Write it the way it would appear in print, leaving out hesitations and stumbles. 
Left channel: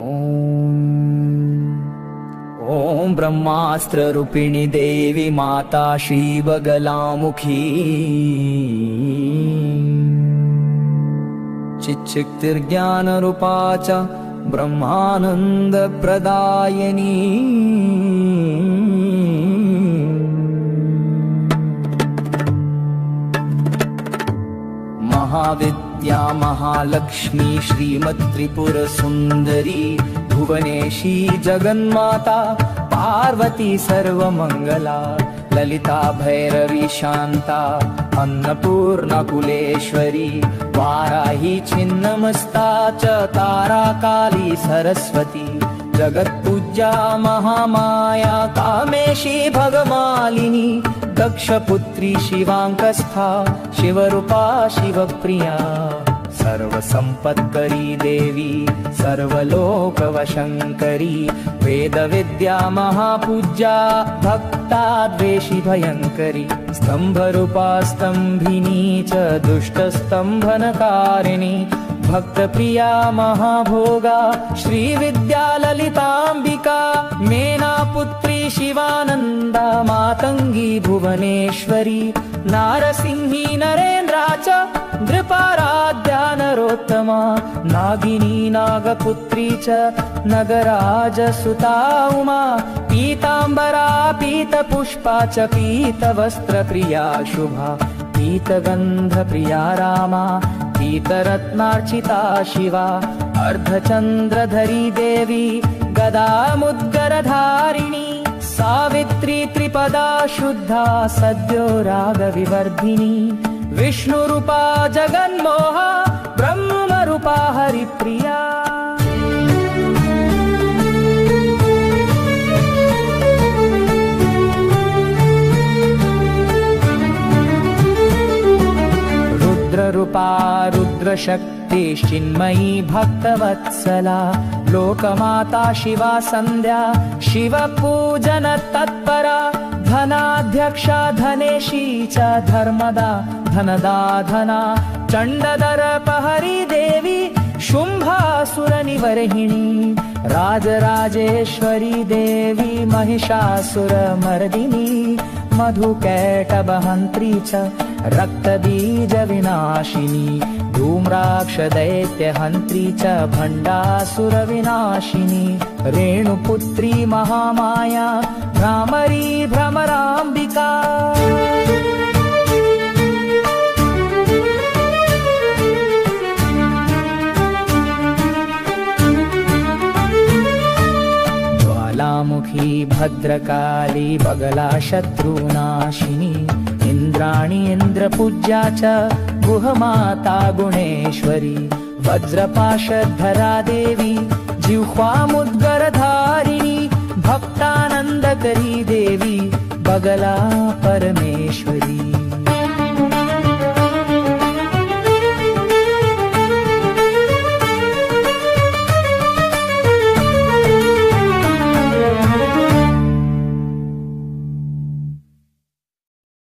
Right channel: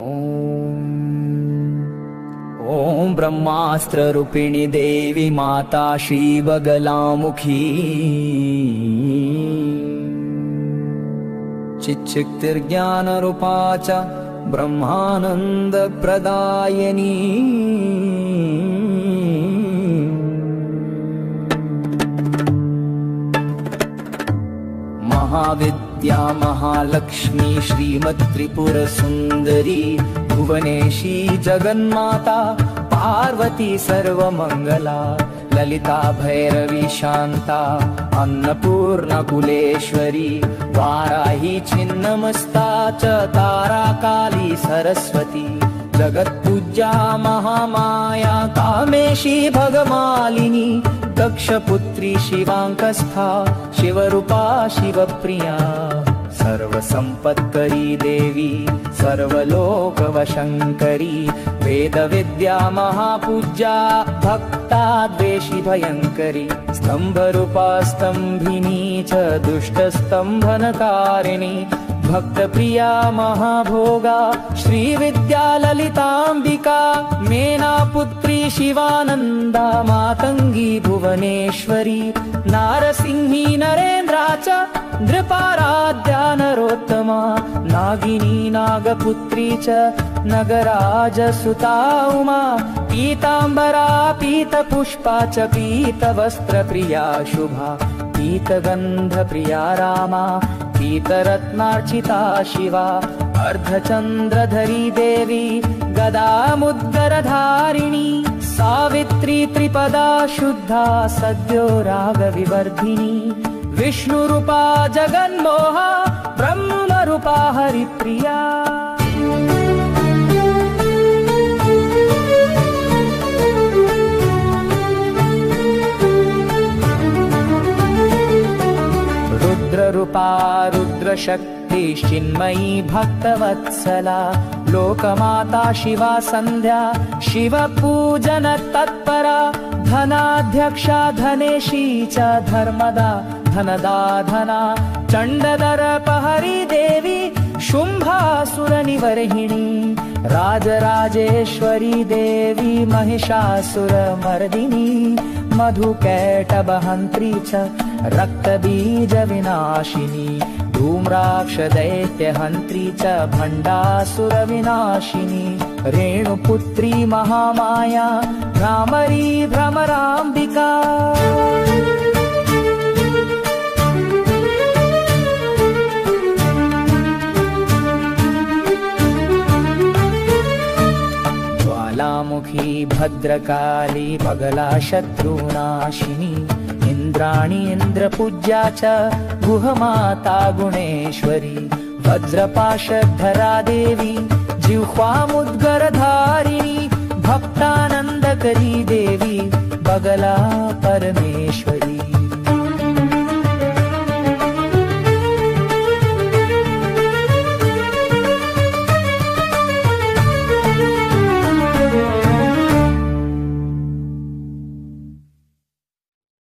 ॐ ब्रह्मास्त्ररूपिणी देवी माता श्रीबगलामुखी चिच्चिक्तिर्ज्ञानरूपा च ब्रह्मानन्दप्रदायिनी महाविद्या महालक्ष्मी श्रीमत्त्रिपुरसुन्दरी भुवनेशी जगन्माता पार्वती सर्वमङ्गला ललिता भैरवी शान्ता अन्नपूर्णा कुलेश्वरी वाराही छिन्नमस्ता च तारा काली सरस्वती जगत्पूज्या महामाया कामेशी भगमालिनी दक्षपुत्री शिवाङ्कस्था शिवरूपा शिवप्रिया सर्वसम्पत्करी देवी सर्वलोकवशङ्करी वेदविद्या महापूज्या भक्ताद्वेषी भयङ्करी स्तम्भरूपा स्तम्भिनी च दुष्टस्तम्भनकारिणी भक्तप्रिया महाभोगा श्रीविद्या ललिताम्बिका मेनापुत्री शिवानन्दा मातङ्गी भुवनेश्वरी नारसिंही नरेन्द्रा च नृपाराध्या नरोत्तमा नागिनी नागपुत्री च नगराजसुता उमा पीताम्बरा पीतपुष्पा च पीतवस्त्रप्रिया शुभा पीतगन्धप्रिया रामा पीतरत्नार्चिता शिवा अर्धचन्द्रधरी देवी गदामुद्गरधारिणी सावित्री त्रिपदा शुद्धा सद्यो रागविवर्धिनी विष्णुरूपा जगन्मोहा ब्रह्मरूपा हरिप्रिया रुद्ररूपा रुद्रशक्तिश्चिन्मयी भक्तवत्सला लोकमाता शिवा सन्ध्या शिवपूजन तत्परा धनाध्यक्षा धनेशी च धर्मदा धनदा धना चण्डदर्पहरी देवी शुम्भासुरनिवर्हिणी राजराजेश्वरी देवी महिषासुरमर्दिनी मधुकैटभहन्त्री च रक्तबीजविनाशिनी धूम्राक्षदैत्यहन्त्री च भण्डासुरविनाशिनी रेणुपुत्री महामाया भ्रामरी भ्रमराम्बिका ज्वालामुखी भद्रकाली बगला शत्रुनाशिनी इन्द्राणी इन्द्रपूज्या च गुहमाता गुणेश्वरी वज्रपाशधरा देवी जिह्वामुद्गरधारिणी भक्तानन्दकरी देवी बगला परमेश्वरी।